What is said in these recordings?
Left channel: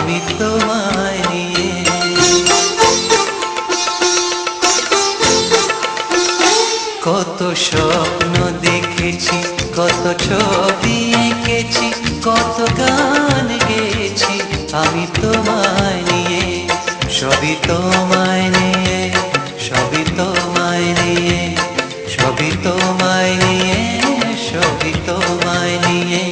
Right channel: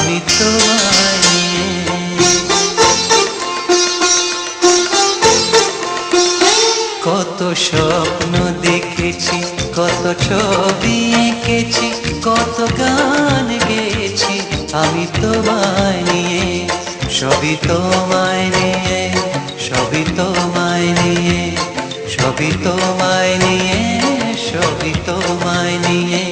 আমি তোমায় নিয়ে। কত স্বপ্ন দেখেছি, কত ছবি এঁকেছি, কত গান গেয়েছি আমি তোমায় নিয়ে। সবই তোমায় নিয়ে, সবই তোমায় নিয়ে, সবই তোমায় নিয়ে, সবই তোমায় নিয়ে।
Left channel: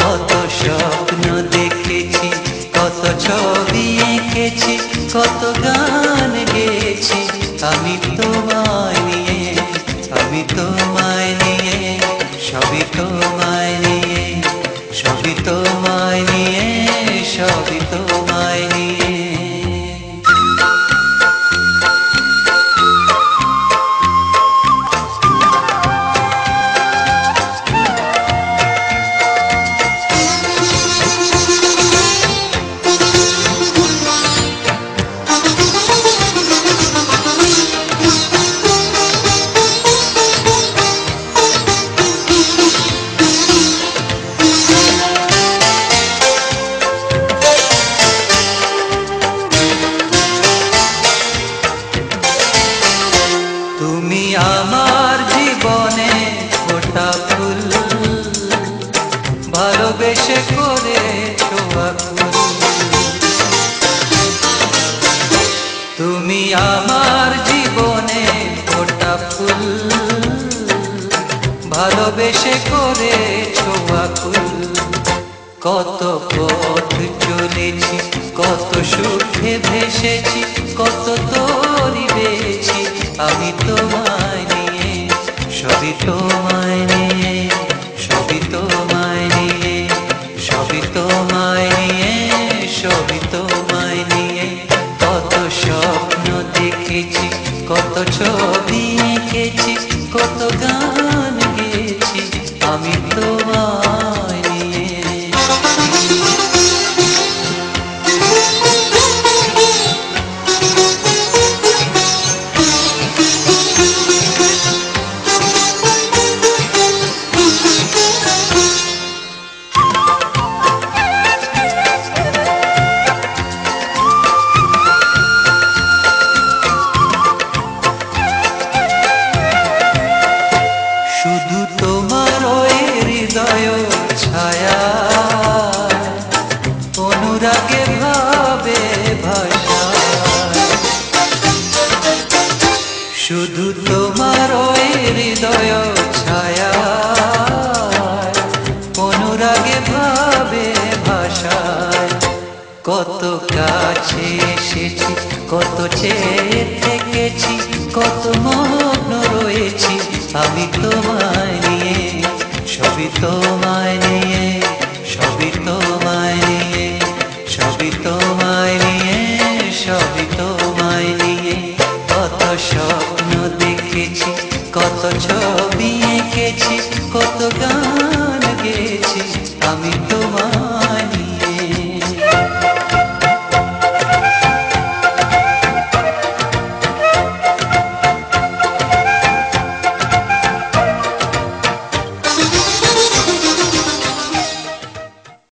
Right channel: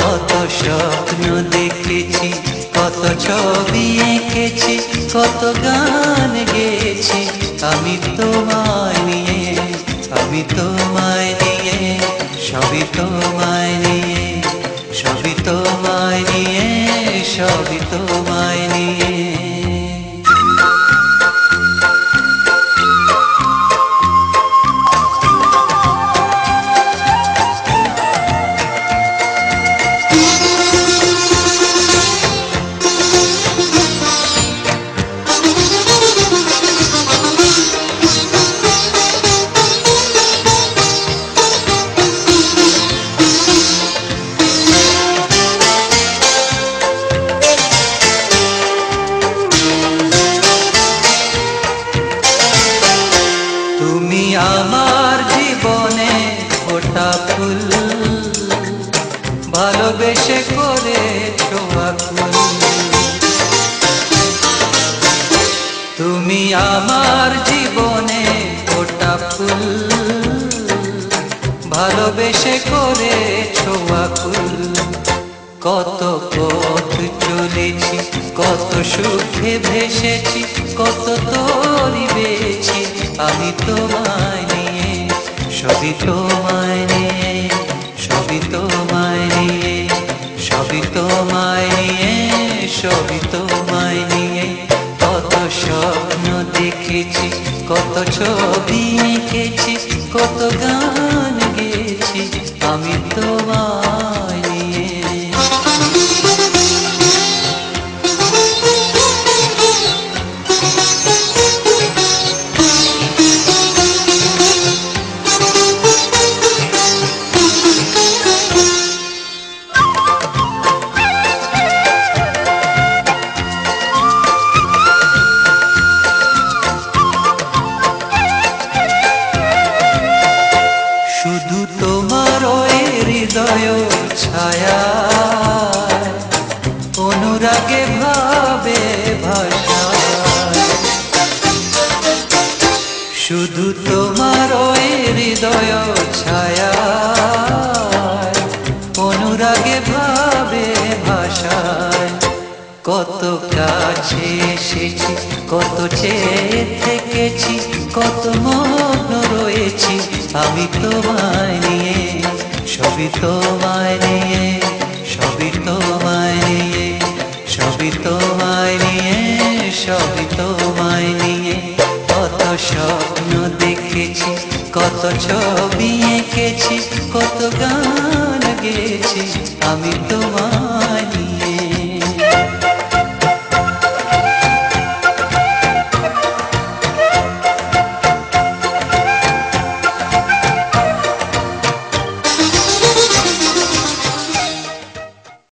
কত স্বপ্ন দেখেছি, কত ছবি এঁকেছি, কত গান গেয়েছি আমি তোমায় নিয়ে। আমি তোমায় নিয়ে, সবই তোমায় নিয়ে, সবই তোমায় নিয়ে, সবই তোমায় নিয়ে। তুমি আমার জীবনে ফোটা ফুল, ভালোবেসে করেছো আকুল। তুমি আমার জীবনে ফোটা ফুল, ভালোবেসে করেছো আকুল। কত পথ চলেছি, কত সুখে ভেসেছি, কত তরি বেয়েছি আমি তোমায় নিয়ে। সবই তোমায় নিয়ে, সবই তোমায় নিয়ে, সবই তোমায় নিয়ে, সবই তোমায় নিয়ে। কত স্বপ্ন দেখেছি, কত ছবি এঁকেছি, কত গান গেয়েছি আমি তোমায় নিয়ে। শুধু তোমার ওই হৃদয় ছায়া, অনুরাগে ভাবে ভাষা। শুধু তোমার ওই হৃদয় ছায়া, অনুরাগে ভাবে ভাষায়। কত কাছে এসেছি, কত চেয়ে থেকেছি, কত মগ্ন রয়েছি আমি তোমায় নিয়ে। সবই তোমায় নিয়ে, সবই তোমায় নিয়ে, সবই তোমায় নিয়ে, সবই তোমায় নিয়ে। কত স্বপ্ন দেখেছি, কত ছবি এঁকেছি, কত গান গেয়েছি আমি তোমায়